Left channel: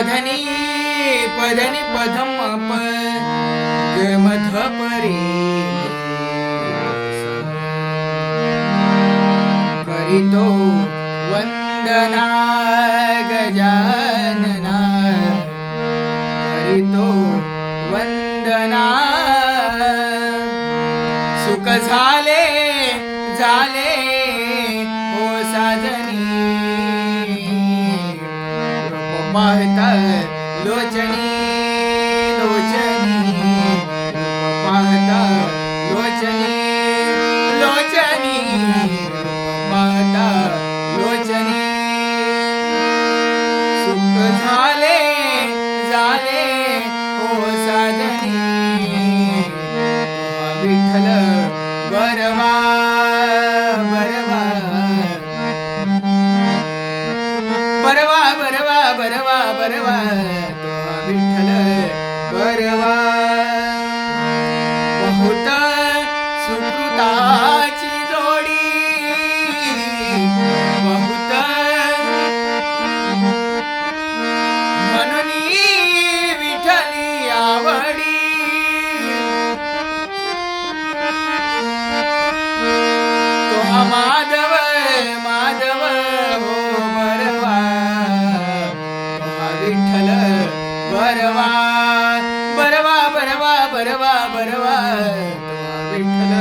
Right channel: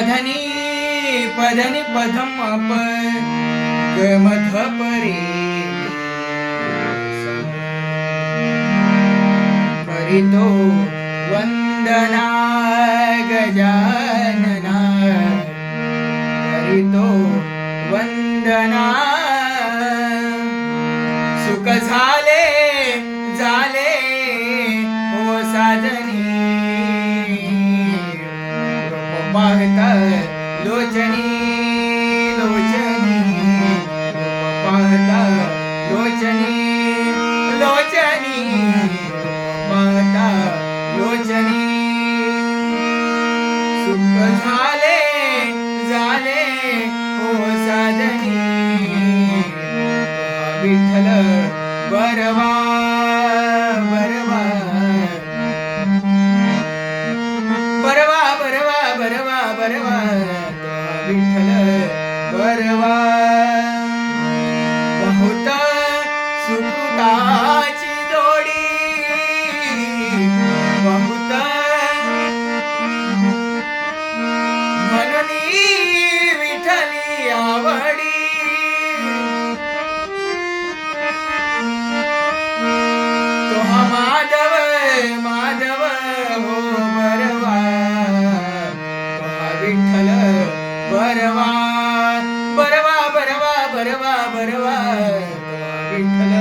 पधनी पधनी पधम मध परे करितो वंदना गजानना करितो वंदना सुख झाले झाले ओ साजनी पाहता लोचनी लोचनी पाहता लोचनी लोचनी पाहता लोचनी सुख झाले झाले ओ साजनी विठ्ठल बरवा बरवा बरवा बरवा बरवा बरवा विठ्ठल बरवा बहुत सुकृताची जोडी बहुत म्हणून विठ्ठली आवडी तो हा माधव माधव हो बरवा तो हा विठ्ठल बरवा बरवा बरवा बरवा बरवा तो हा विठ्ठल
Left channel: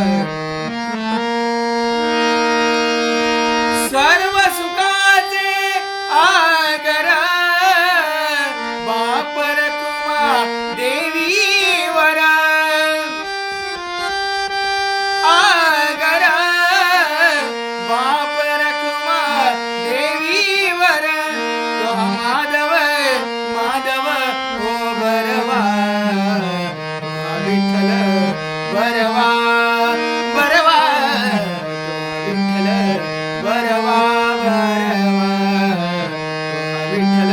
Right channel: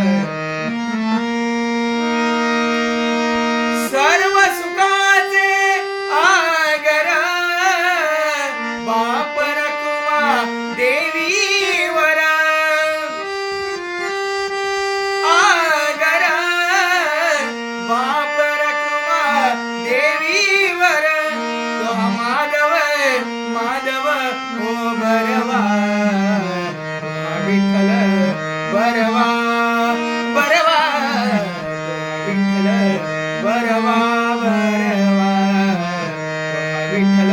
सर्व सुखाचे आगर बाप रखुमा देवीवर आगर बाप रखुमा देवीवर तो हा माधव माधव हो बरवा तो हा विठ्ठल बरवा बरवा तो हा विठ्ठल बरवा बरवा तो हा विठ्ठल